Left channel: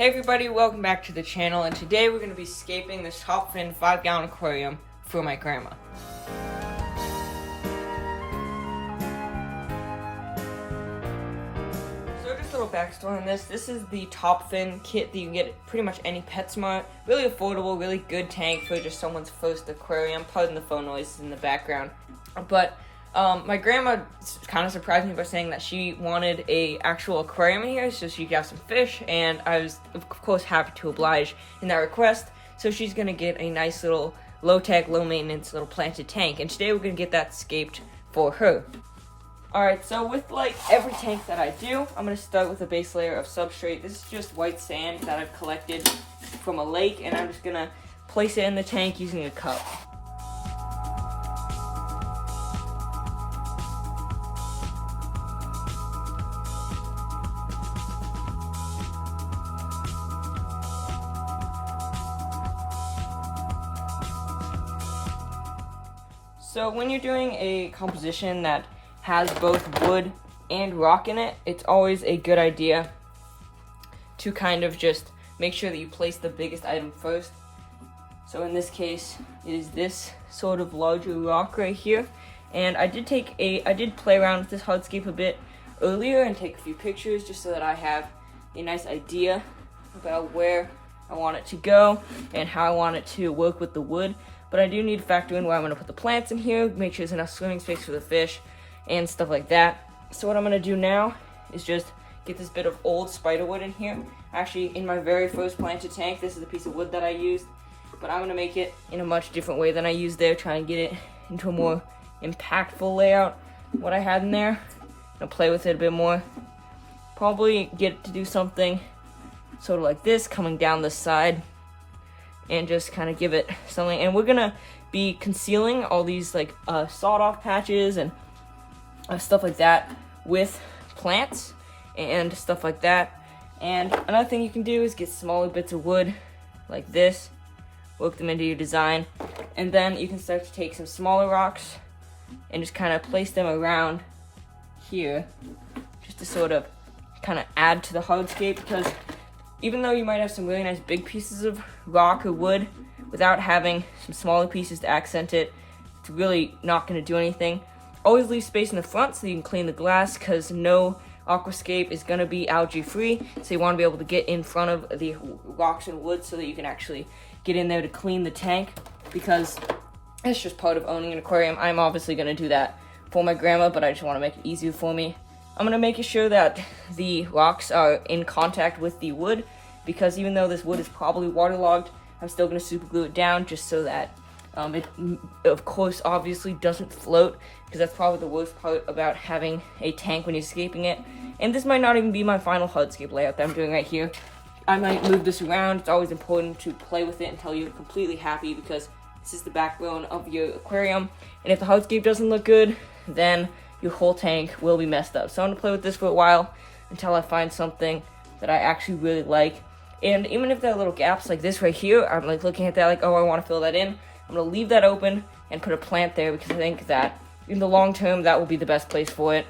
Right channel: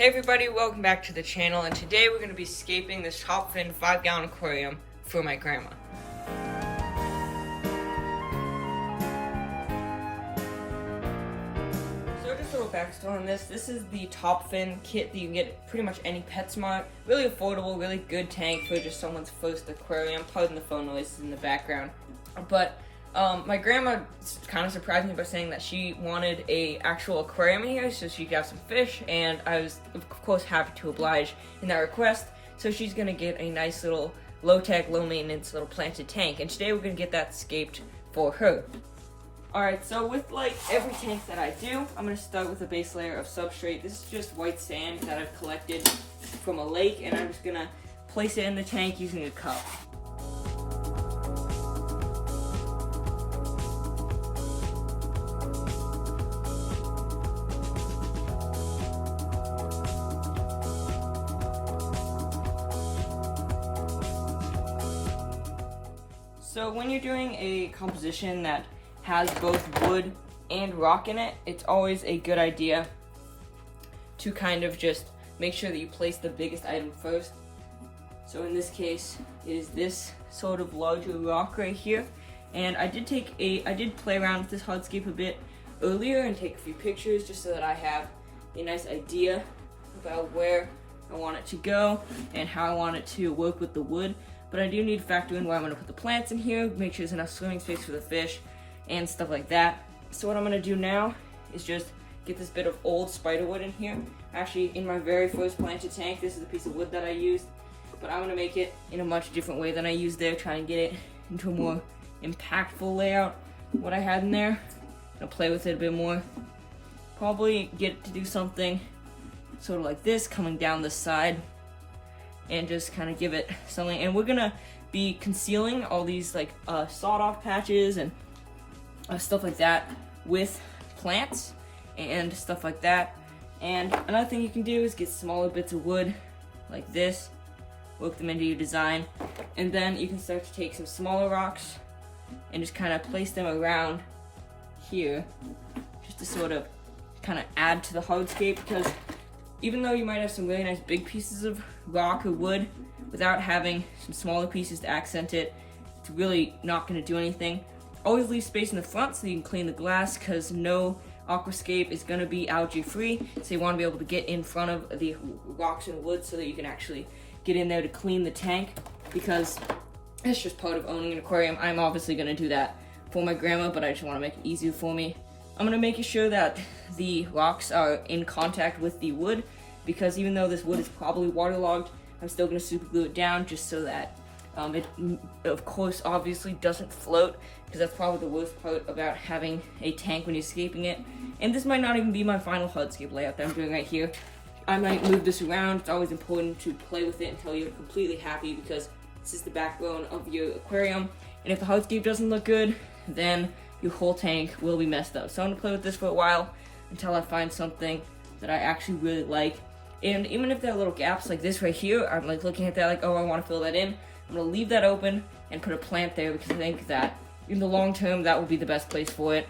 Hey everybody, welcome back to the channel, and today we're going to be scaping this top fin 5-gallon aquarium for my grandma. So just a little backstory on this. This is the top fin kit that you can get at pretty much any PetSmart. Really affordable, really good tank for just someone's first aquarium. Pardon the phone noises in the background. But my grandma kind of surprised me by saying that she wanted a actual aquarium in here so she could have some fish, and I was of course happy to oblige in that request. So she's gonna get a nice little low-tech, low-maintenance little planted tank, and today we're gonna get that scaped for her. Alright, so with like every tank that I do, I'm gonna start with a base layer of substrate. This is just white sand that I've collected from a lake, and I'm just gonna place it in the tank using a cup. So when you're doing a composition that has both wood and rock in it, it's always a good idea to kind of just make sure that you place the biggest item first. So in this case, it is this sort of larger rock right here. And I did play around with this hardscape a bit earlier and take a few pictures just so that I have a nice idea about where I want it to go and how I want it to work with the wood. But I do need to factor in where I'm going to put the plants in here, make sure there's enough swimming space for the fish, and stuff like that. So what I'm going to do now is just get this bit of old spiderwood in here. Actually, in my very first planted tank, this is the piece of wood that I used. But I'm going to make it in a much different way than I used there, try and get it into a more impactful layout. What I had in there, I'm going to play with it a bit more. Probably get it to do something sort of like this, coming down the side. And just kind of give it something. And we're gonna be concealing all these like sawed-off patches and stuff like that with plants and stuff like that. And another thing you can do is get smaller bits of wood like this, work them into your design, and then you can start to take some smaller rocks and just kind of place them around here, just to sort of kind of add to the hardscape, because even though you might have some really nice big pieces of rock or wood, without having some smaller pieces to accent it, it's really not going to do anything. Always leave space in the front so you can clean the glass, because no aquascape is going to be algae free, so you want to be able to get in front of the rocks and wood so that you can actually get in there to clean the tank, because it's just part of owning an aquarium. I'm obviously going to do that for my grandma, but I just want to make it easier for me. I'm going to make sure that the rocks are in contact with the wood, because even though this wood is probably waterlogged, I'm still going to super glue it down just so that it, of course, obviously doesn't float, because that's probably the worst part about having a tank when you're scaping it. And this might not even be my final hardscape layout that I'm doing right here. I might move this around. It's always important to play with it until you're completely happy, because this is the backbone of your aquarium. And if the hardscape doesn't look good, then your whole tank will be messed up. So I'm gonna play with this for a while until I find something that I actually really like. And even if there are little gaps like this right here, I'm like looking at that like, oh, I want to fill that in. I'm gonna leave that open and put a plant there, because I think that in the long term that will be the best place for it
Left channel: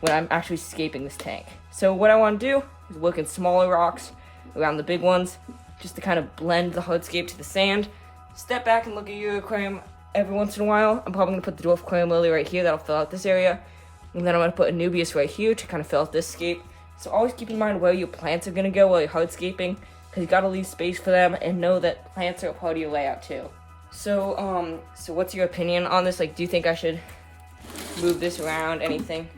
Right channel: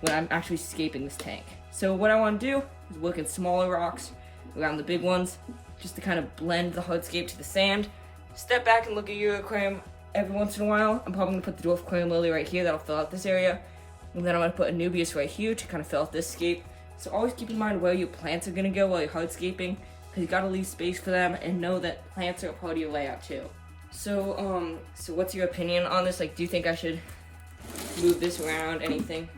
when I'm actually scaping this tank. So what I want to do is work in smaller rocks around the big ones, just to kind of blend the hardscape to the sand. Step back and look at your aquarium every once in a while. I'm probably going to put the Dwarf aquarium lily right here, that'll fill out this area. And then I'm going to put Anubias right here to kind of fill out this scape. So always keep in mind where your plants are going to go while you're hardscaping, because you got to leave space for them, and know that plants are a part of your layout too. So what's your opinion on this? Like, do you think I should move this around? Anything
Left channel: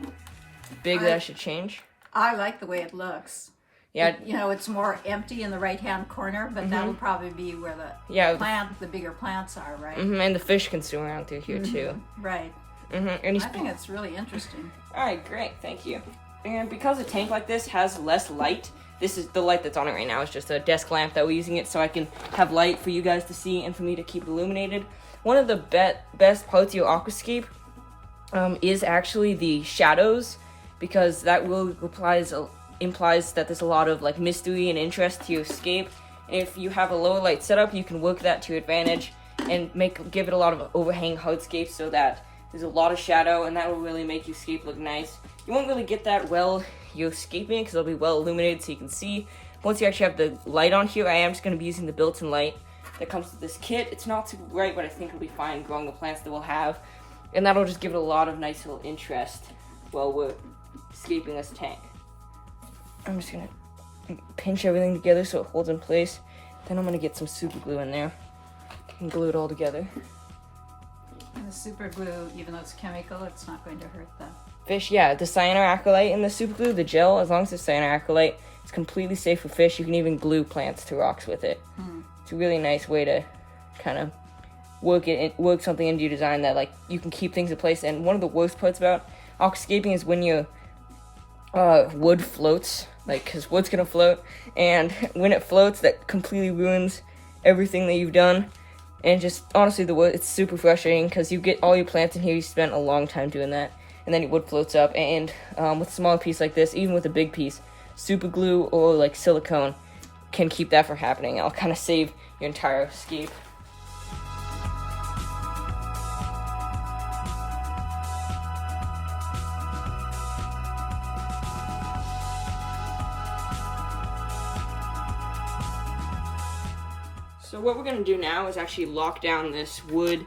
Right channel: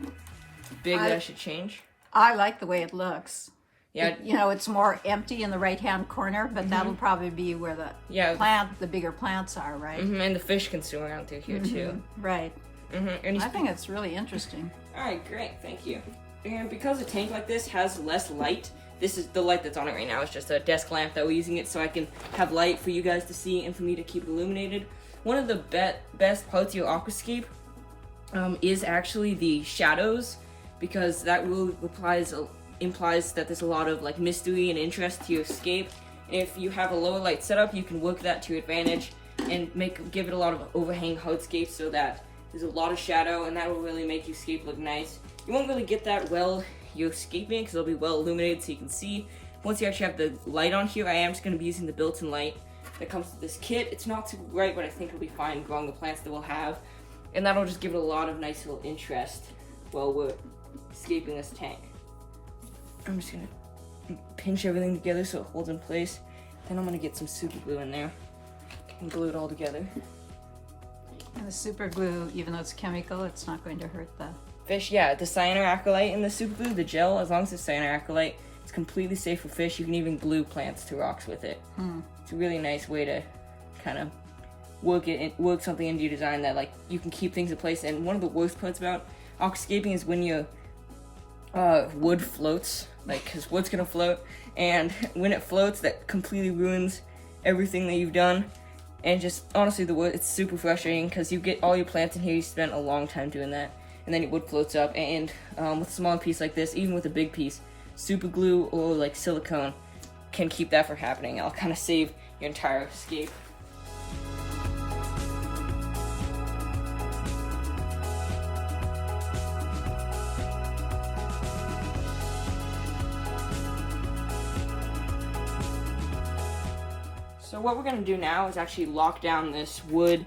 big that I should change? I like the way it looks. Yeah, you know, it's more empty in the right-hand corner, but that'll probably be where the bigger plants are, right? And the fish can swim around through here too. Right. And I think it's really interesting. All right, great, thank you. And because a tank like this has less light, this is the light that's on it right now. It's just a desk lamp that we're using it so I can have light for you guys to see and for me to keep it illuminated. One of the best parts of your aquascape is actually the shadows, because that really implies that there's a lot of like mystery and interest to your scape. If you have a lower light setup, you can work that to your advantage and give it a lot of overhang hardscape so that there's a lot of shadow, and that will really make your scape look nice. You won't really get that well you're scaping because it'll be well illuminated so you can see, once you actually have the light on here, I am just going to be using the built-in light that comes with this kit. It's not super bright, but I think it'll be fine growing the plants that we'll have. And that'll just give it a lot of nice little interest while we're scaping this tank. I'm just going to pinch everything together so it holds in place. Then I'm going to get some super glue in there and glue it all together. And the super glue, even though it's chemical, it's not going to hurt the fish. Yeah, the cyanoacrylate in the super glue, the gel, as long as it's cyanoacrylate, it's completely safe for fish. You can even glue plants to rocks with it. It's a really nice way to kind of work something into your design that like you can keep things in place. And one of the worst parts about aquascaping is when your wood floats, like, because wood's gonna float, and when it floats, that completely ruins everything that you've done. And just honestly, the wood, it's super frustrating because you get all your plants in here, you spent a long time doing that, and then your wood floats up. And with a small piece like this, even with a big piece, super glue or like silicone can keep that from happening. It'll kind of save your entire scape. So what we're going to do now is actually lock down this wood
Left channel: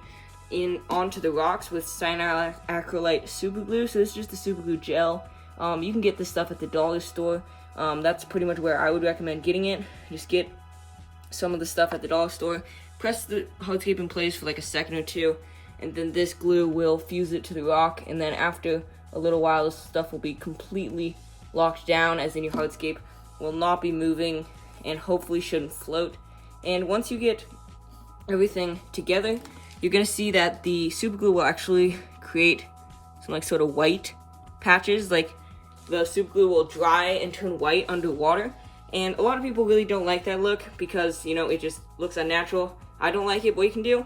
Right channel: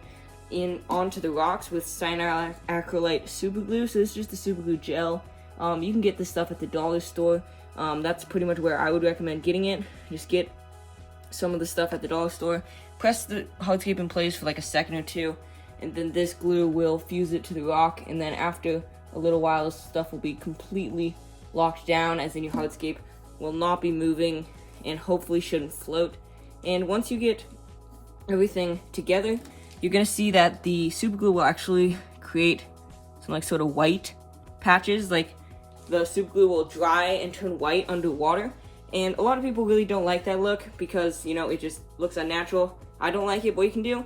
onto the rocks with cyanoacrylate super glue. So this is just the super glue gel. You can get this stuff at the dollar store. That's pretty much where I would recommend getting it. Just get some of the stuff at the dollar store. Press the hardscape in place for like a second or two, and then this glue will fuse it to the rock. And then after a little while, this stuff will be completely locked down, as in your hardscape will not be moving and hopefully shouldn't float. And once you get everything together, you're gonna see that the super glue will actually create some like sort of white patches. Like the super glue will dry and turn white underwater. And a lot of people really don't like that look because, you know, it just looks unnatural. I don't like it. What you can do,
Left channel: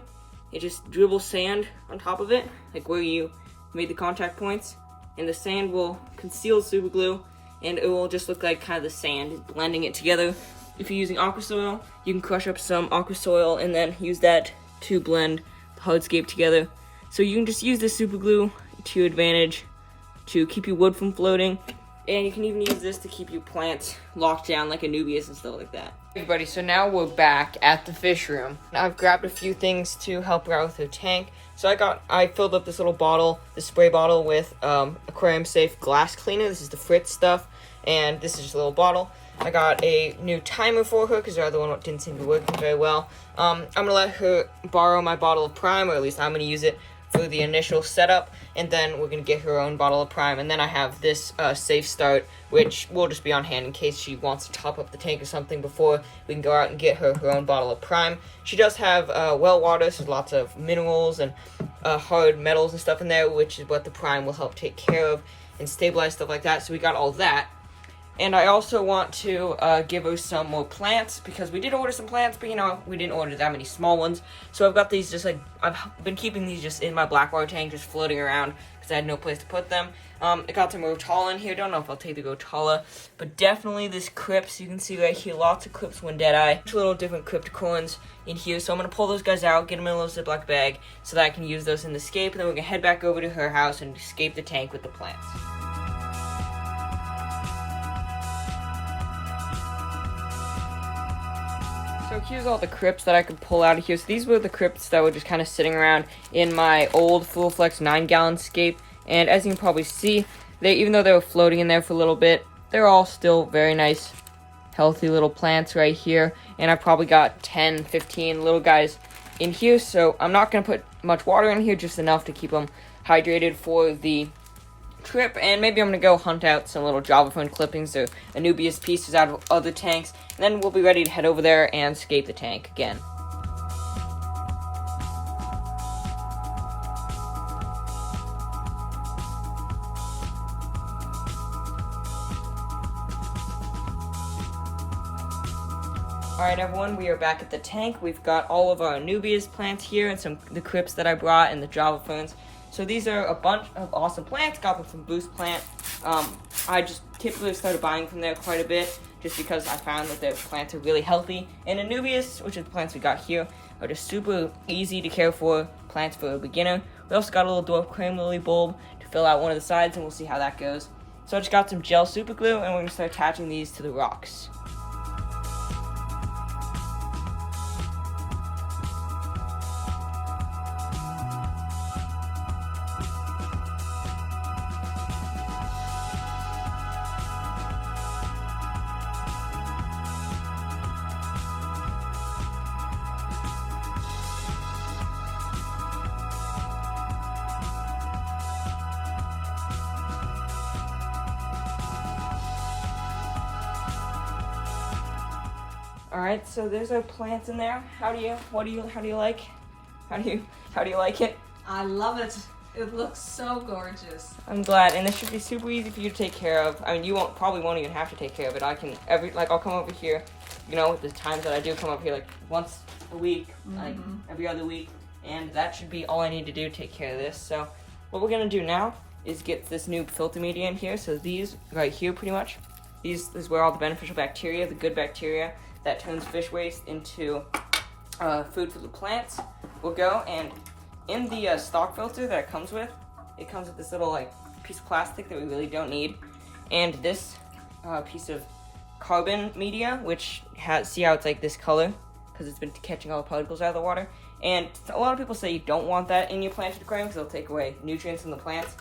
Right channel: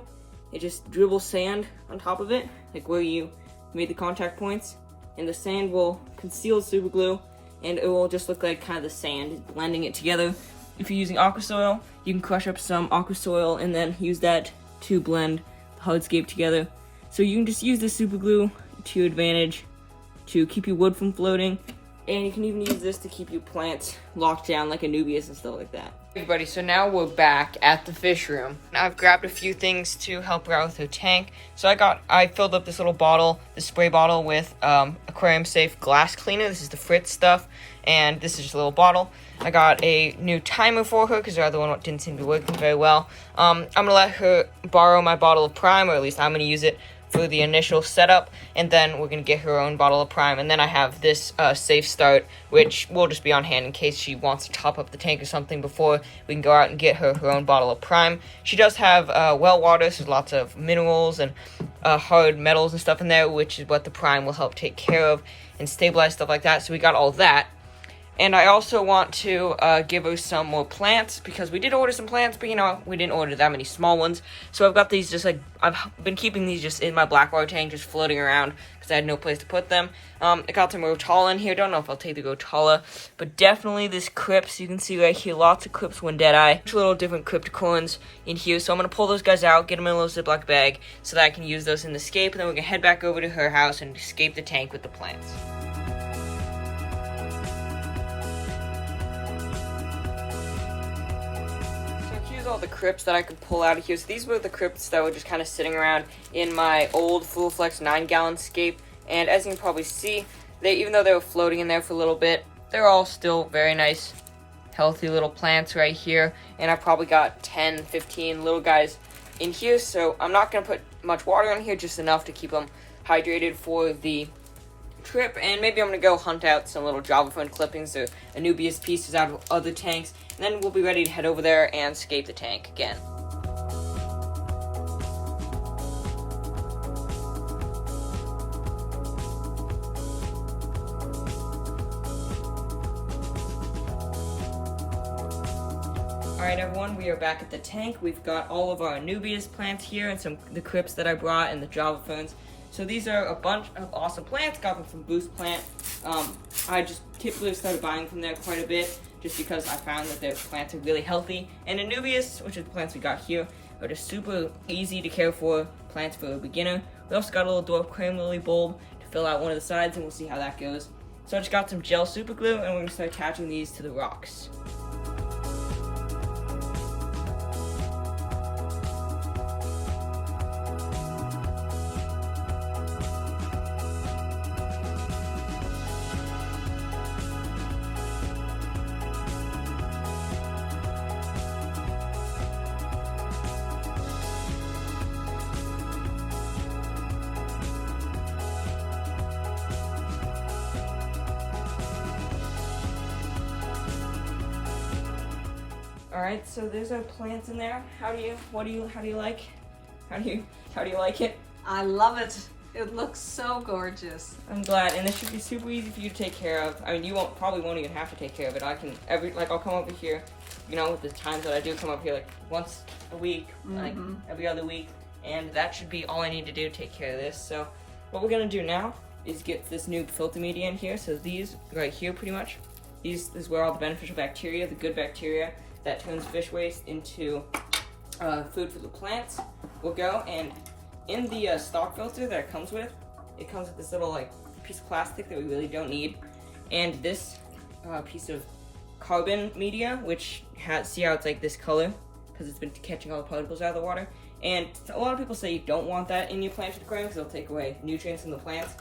it just dribble sand on top of it, like where you made the contact points, and the sand will conceal the super glue, and it will just look like kind of the sand blending it together. If you're using aqua soil, you can crush up some aqua soil and then use that to blend the hardscape together. So you can just use the super glue to your advantage to keep your wood from floating, and you can even use this to keep your plants locked down like Anubias and stuff like that. Hey everybody, so now we're back at the fish room. I've grabbed a few things to help her out with her tank. So I filled up this little bottle, this spray bottle with Aquarium safe glass cleaner. This is the Fritz stuff, and this is just a little bottle. I got a new timer for her because the other one didn't seem to be working very well. I'm going to let her borrow my bottle of Prime, or at least I'm going to use it for the initial setup, and then we're going to get her own bottle of Prime. And then I have this safe start, which will just be on hand in case she wants to top up the tank or something before we can go out and get her own bottle of Prime. She does have well water, so there's lots of minerals and hard metals and stuff in there, which is what the Prime will help take care of and stabilize stuff like that. So we got all that. And I also want to give her some more plants, because we did order some plants, but, you know, we didn't order that many small ones. So I've got these just, like, I've been keeping these just in my black water tank, just floating around, because I had no place to put them. I got some Rotala in here. Don't know if I'll take the Rotala, but definitely this Crypts. You can see right here, lots of Crypts when dead-eye. Little different Crypticorns in here, so I'm going to pull those guys out, get them in a little Ziploc bag, so that I can use those in the scape, and then we can head back over to her house and scape the tank with the plants. Here's all the Crypts that I could pull out of here. So these were the Crypts that were just kind of sitting around in my old Full Flex 9-gallon scape. And as you can probably see, even though they were floating in there for a little bit, they're all still very nice, healthy little plants right here. And I've probably got 10, 15 little guys in here. So I'm not going to put much water in here, just enough to keep them hydrated for the trip. And maybe I'm going to go hunt out some little Java Fern clippings or Anubias pieces out of other tanks. And then we'll be ready to head over there and scape the tank again. Alright everyone, we are back at the tank. We've got all of our Anubias plants here and the Crypts that I brought and the Java Ferns. So these are a bunch of awesome plants. Got them from Boost Plant. I just typically started buying from there quite a bit just because I found that their plants are really healthy. And Anubias, which are the plants we got here, are just super easy to care for plants for a beginner. We also got a little Dwarf Crane Lily bulb to fill out one of the sides, and we'll see how that goes. So I just got some gel super glue, and we're going to start attaching these to the rocks. All right, so there's our plants in there. How do you like it? I love it. It looks so gorgeous. I'm glad, and this should be super easy for you to take care of. I mean, you probably won't even have to take care of it. I'll come over here, you know, with the times that I do come up here, like once a week, like every other week, and that should be all I need to do to take care of this. So what we're gonna do now is get this new filter media in here. So these right here, pretty much, this is where all the beneficial bacteria, the good bacteria that turns fish waste into food for the plants will go. And in the stock filter that it comes with this little like piece of plastic that we really don't need, and this piece of carbon media, which see how it's like this color because it's been catching all the particles out of the water. And a lot of people say you don't want that in your planted aquarium because it'll take away nutrients from the plants.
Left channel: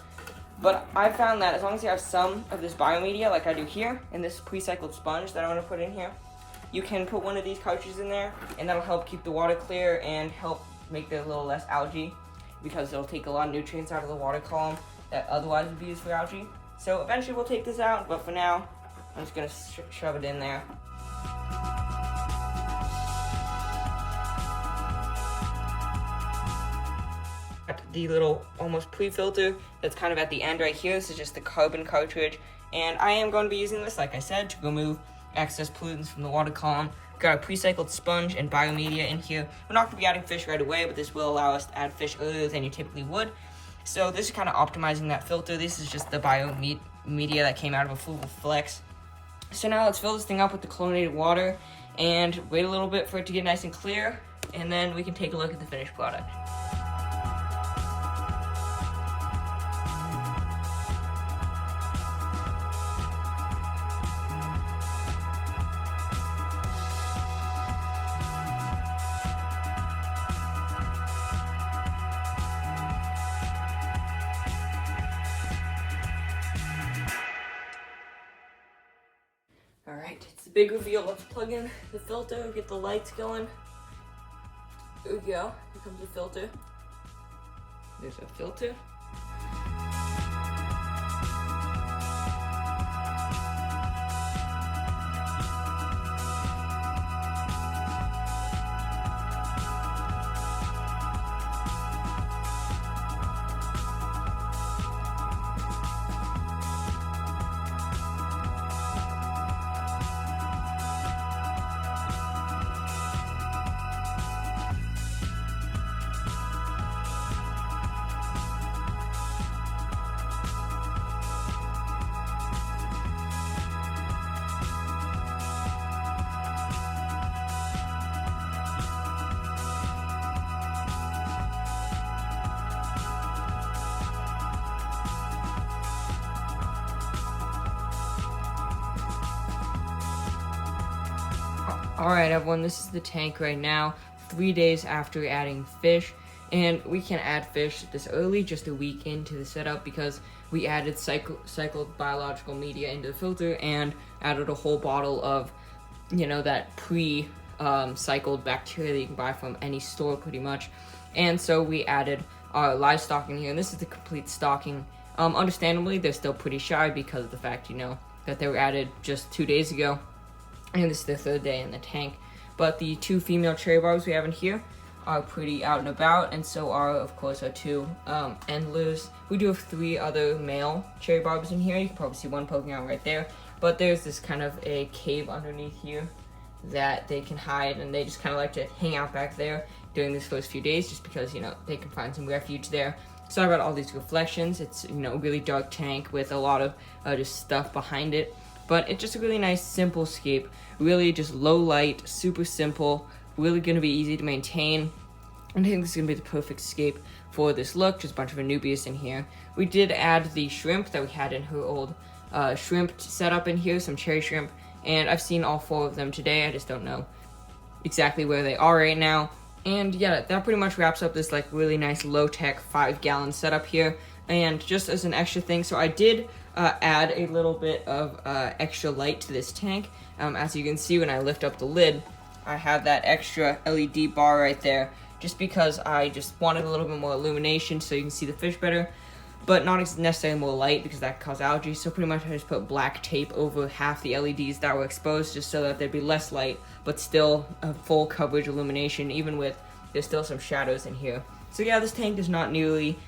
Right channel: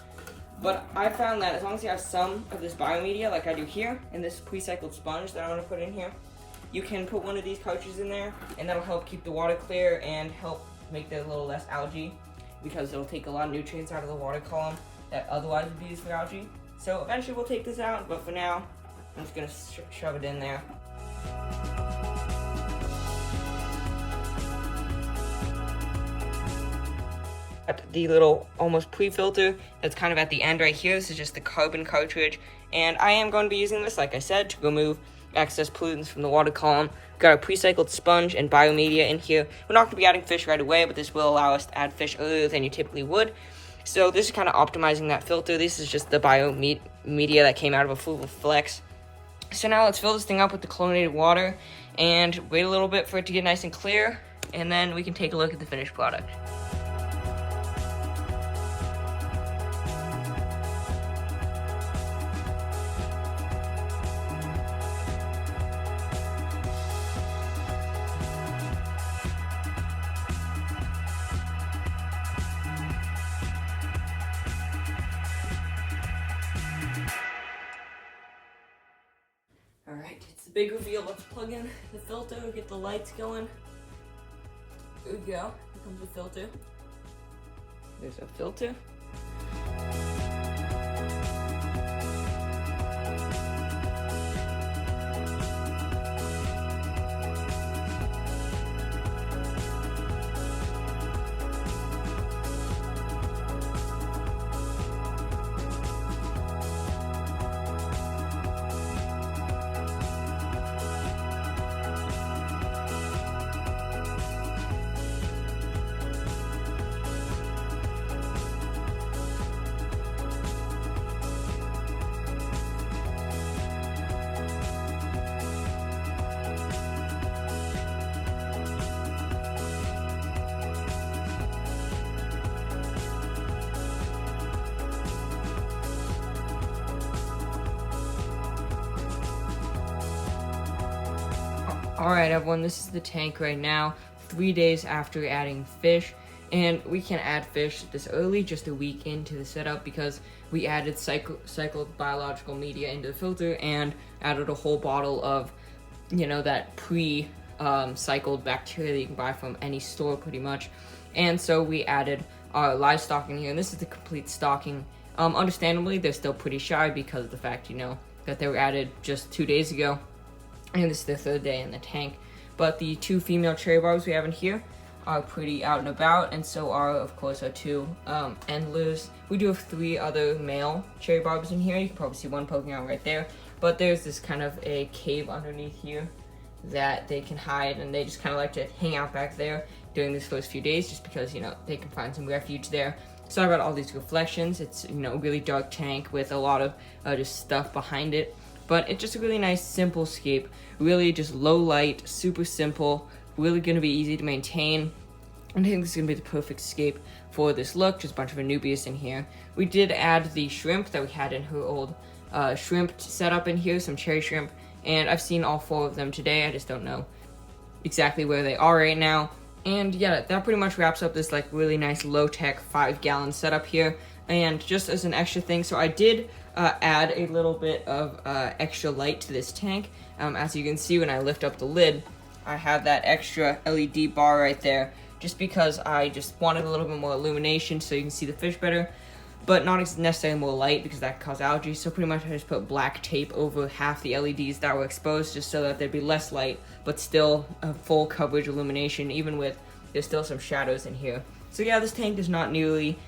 But I found that as long as you have some of this biomedia, like I do here, and this pre-cycled sponge that I'm going to put in here, you can put one of these cartridges in there, and that'll help keep the water clear and help make there a little less algae, because it'll take a lot of nutrients out of the water column that otherwise would be used for algae. So eventually we'll take this out, but for now, I'm just going to shove it in there. The little almost pre-filter that's kind of at the end right here. This is just the carbon cartridge, and I am going to be using this, like I said, to remove excess pollutants from the water column. We've got a pre-cycled sponge and biomedia in here. We're not going to be adding fish right away, but this will allow us to add fish earlier than you typically would. So this is kind of optimizing that filter. This is just the biomedia that came out of a Fluval Flex. So now let's fill this thing up with the chlorinated water and wait a little bit for it to get nice and clear, and then we can take a look at the finished product. Alright, it's the big reveal. Let's plug in the filter, get the lights going. There we go. Here comes the filter. There's a filter. Alright everyone, this is the tank right now, 3 days after adding fish, and we can add fish this early, just a week into the setup, because we added cycled biological media into the filter and added a whole bottle of, you know, that cycled bacteria that you can buy from any store pretty much. And so we added our live stocking here, and this is the complete stocking. Understandably, they're still pretty shy because of the fact, you know, that they were added just 2 days ago. And this is the third day in the tank. But the 2 female cherry barbs we have in here are pretty out and about, and so are, of course, our 2 Endlers. We do have 3 other male cherry barbs in here. You can probably see one poking out right there. But there's this kind of a cave underneath here that they can hide, and they just kind of like to hang out back there during these first few days, just because, you know, they can find some refuge there. So I've got all these reflections. It's, you know, a really dark tank with a lot of just stuff behind it. But it's just a really nice, simple scape. Really just low light, super simple, really going to be easy to maintain. And I think this is going to be the perfect scape for this look. Just a bunch of Anubias in here. We did add the shrimp that we had in her old shrimp setup in here, some cherry shrimp. And I've seen all 4 of them today. I just don't know exactly where they are right now. And yeah, that pretty much wraps up this like really nice low-tech 5-gallon setup here. And just as an extra thing, so I did add a little bit of extra light to this tank. As you can see, when I lift up the lid, I have that extra LED bar right there, just because I just wanted a little bit more illumination so you can see the fish better. but not necessarily more light because that causes algae. So pretty much I just put black tape over half the LEDs that were exposed just so that there'd be less light, but still a full coverage illumination, even with there's still some shadows in here. So yeah, this tank is not nearly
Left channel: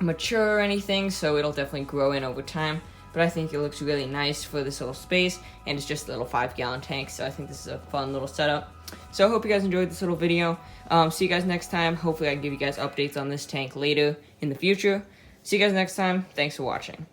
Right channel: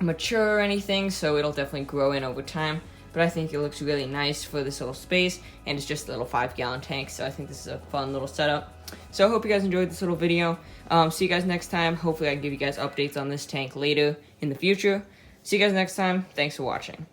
mature or anything, so it'll definitely grow in over time. But I think it looks really nice for this little space, and it's just a little 5-gallon tank, so I think this is a fun little setup. So I hope you guys enjoyed this little video. See you guys next time. Hopefully I can give you guys updates on this tank later in the future. See you guys next time. Thanks for watching.